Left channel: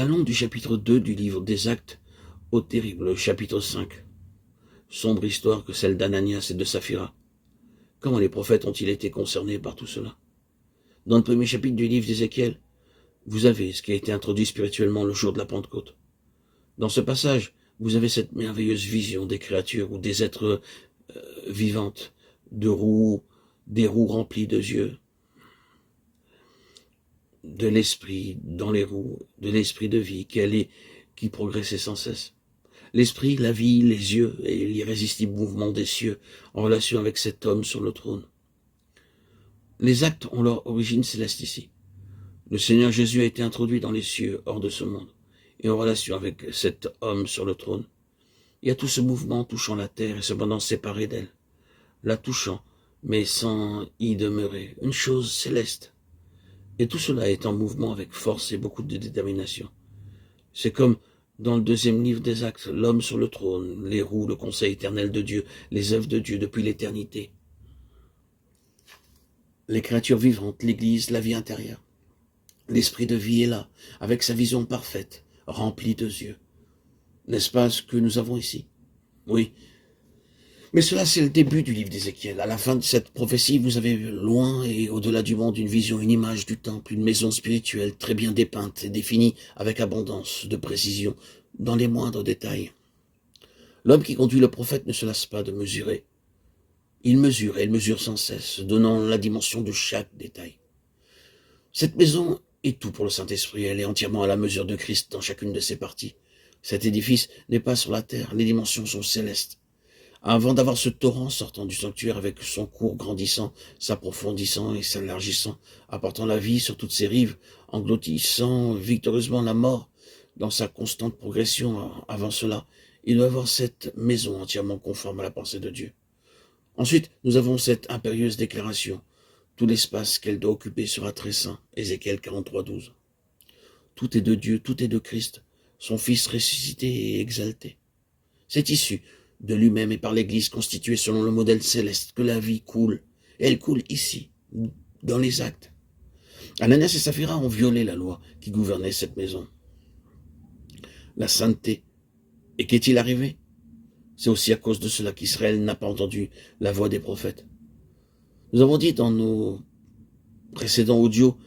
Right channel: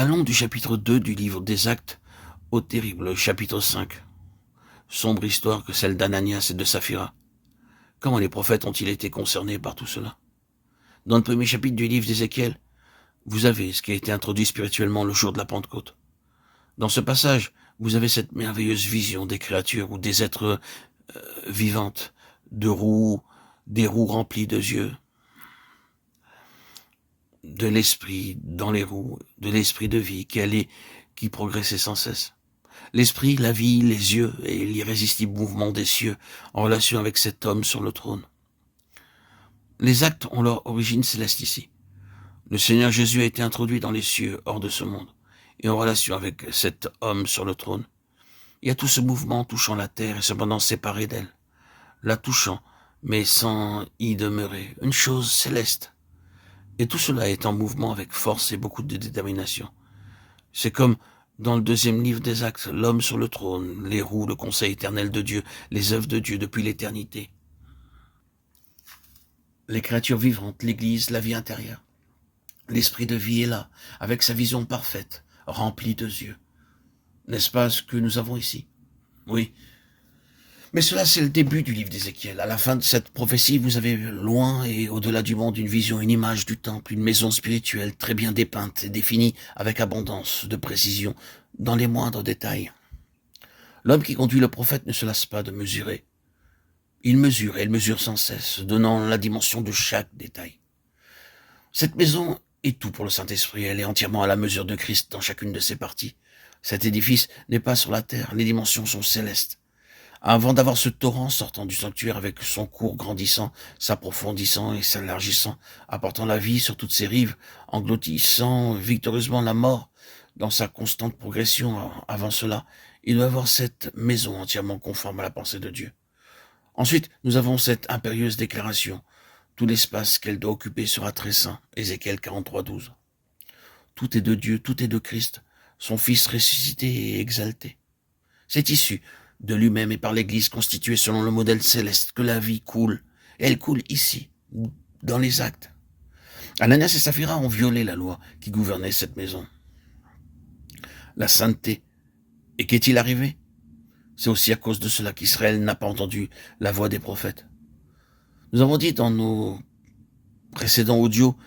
Allons du chapitre 2 du livre des Actes au terrible chapitre 5. Sombre histoire que celle d'Ananias et de Saphira. Comment les prophètes ont-ils été concernés par tout cela? Dans le premier chapitre du livre d'Ézéchiel, vous avez ce qui a été introduit spirituellement le jour de la Pentecôte. Dans ce passage, vous avez cette merveilleuse vision des créatures ou des êtres vivantes, des roues remplies de yeux, de l'esprit dans les roues, de l'esprit de vie qui progressait sans cesse. L'esprit, la vie, les yeux et l'irrésistible mouvement des cieux en relation avec cet homme sur le trône. Les actes ont leur origine céleste ici. Le Seigneur Jésus a été introduit dans les cieux hors de ce monde et en relation avec cet homme sur le trône. Il y a tout ce mouvement touchant la terre et cependant séparé d'elle, la touchant mais sans y demeurer, une chose céleste. Et tout cela est en mouvement avec force et beaucoup de détermination. C'est comme dans le deuxième livre des Actes, l'homme sur le trône, les roues, le conseil éternel de Dieu, les œuvres de Dieu depuis l'éternité. Les créatures vivantes, l'Église, la vie intérieure. L'esprit de vie est là, avec sa vision parfaite, remplie de yeux. N'est-ce pas ce que nous avons ici? Oui. Mais cela, c'est le début du livre d'Ézéchiel. À la fin de cette prophétie, vous avez loin et au-delà du monde une vision, une image du temple, une maison spirituelle très bien dépeinte et définie avec abondance de précision dans les moindres détails. L'homme qui conduit le prophète ne se lasse pas de mesurer. Il mesure et il mesure sans cesse, donnant la dimension de chaque détail. Cette maison est tout pour le Saint-Esprit. Elle est entièrement à la mesure de Christ dans chacune de ses parties. Cet édifice n'est pas sur la terre, les dimensions sont célestes. Avant d'avoir ce torrent sortant du sanctuaire avec son cours grandissant, s'approfondissant et s'élargissant, apportant la vie sur toutes ses rives, engloutissant victorieusement la mort dans sa constante progression, avant cela, il doit avoir cette maison entièrement conforme à la pensée de Dieu. Ensuite, nous avons cette impérieuse déclaration. Tout l'espace qu'elle doit occuper sera très saint. Ézéchiel 43, 12. Tout est de Dieu, tout est de Christ, son Fils ressuscité et exalté. C'est issu de lui-même et par l'Église constituée selon le modèle céleste que la vie coule. Et elle coule ici, dans les actes. Ananias et Saphira ont violé la loi qui gouvernait cette maison. La sainteté. Et qu'est-il arrivé? C'est aussi à cause de cela qu'Israël n'a pas entendu la voix des prophètes. Nous avons dit dans nos précédents audios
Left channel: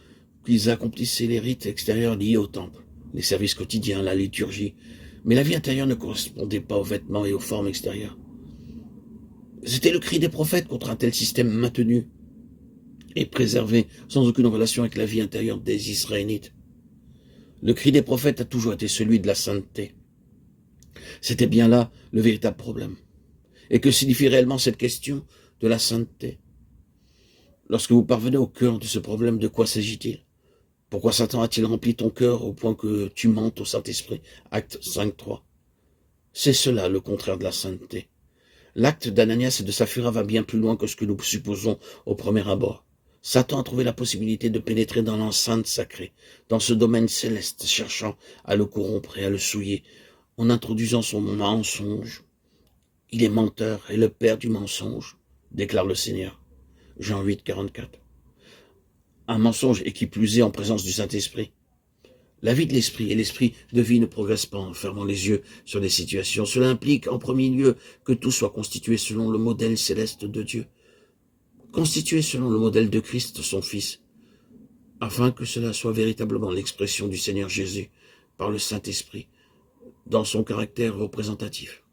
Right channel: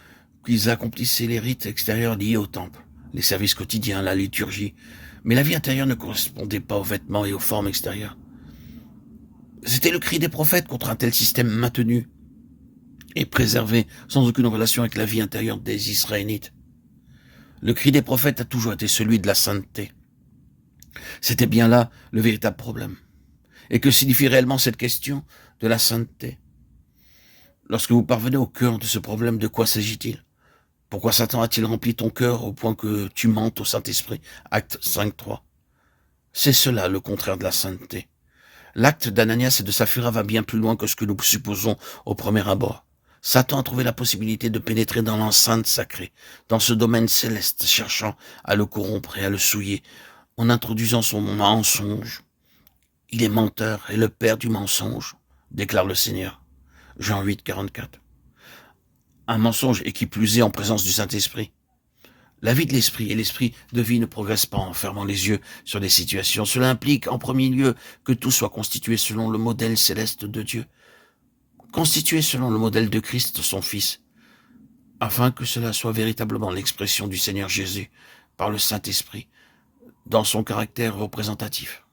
qu'ils accomplissaient les rites extérieurs liés au temple, les services quotidiens, la liturgie, mais la vie intérieure ne correspondait pas aux vêtements et aux formes extérieures. C'était le cri des prophètes contre un tel système maintenu et préservé sans aucune relation avec la vie intérieure des Israélites. Le cri des prophètes a toujours été celui de la sainteté. C'était bien là le véritable problème. Et que signifie réellement cette question de la sainteté? Lorsque vous parvenez au cœur de ce problème, de quoi s'agit-il? Pourquoi Satan a-t-il rempli ton cœur au point que tu mentes au Saint-Esprit? Acte 5.3. C'est cela le contraire de la sainteté. L'acte d'Ananias et de Saphira va bien plus loin que ce que nous supposons au premier abord. Satan a trouvé la possibilité de pénétrer dans l'enceinte sacrée, dans ce domaine céleste, cherchant à le corrompre et à le souiller, en introduisant son mensonge. Il est menteur et le père du mensonge, déclare le Seigneur. Jean 8, 44. Un mensonge et qui plus est en présence du Saint-Esprit. La vie de l'esprit et l'esprit de vie ne progressent pas en fermant les yeux sur des situations. Cela implique en premier lieu que tout soit constitué selon le modèle céleste de Dieu, constitué selon le modèle de Christ, son Fils, afin que cela soit véritablement l'expression du Seigneur Jésus par le Saint-Esprit dans son caractère représentatif.